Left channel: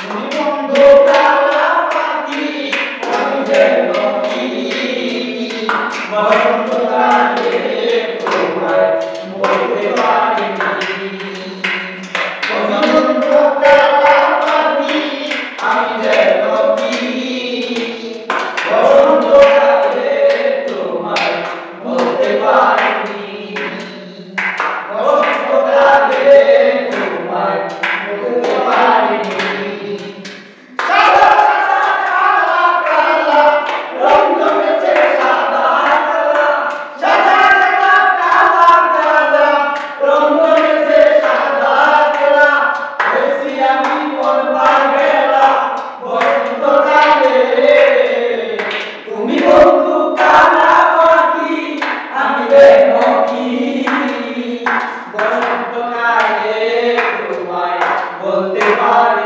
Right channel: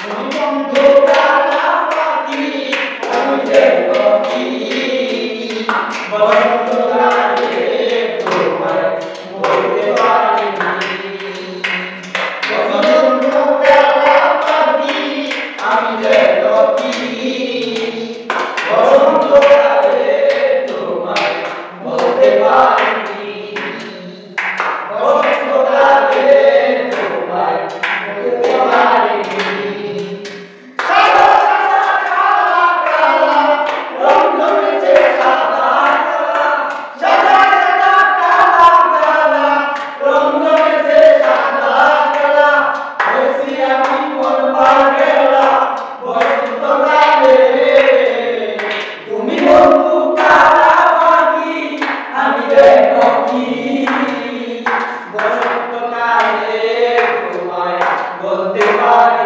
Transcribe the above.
তুমি বন্ধু কালা পাখি আমি যেন কি বসন্তকালে তোমায় বলতে পারিনি বসন্ত কালা পাখি আমি যেন কি বসন্তকালে তোমায় বলতে পারিনি বসন্তকালে তোমায় বলতে পারিনি বসন্তকালে তোমায় বলতে পারি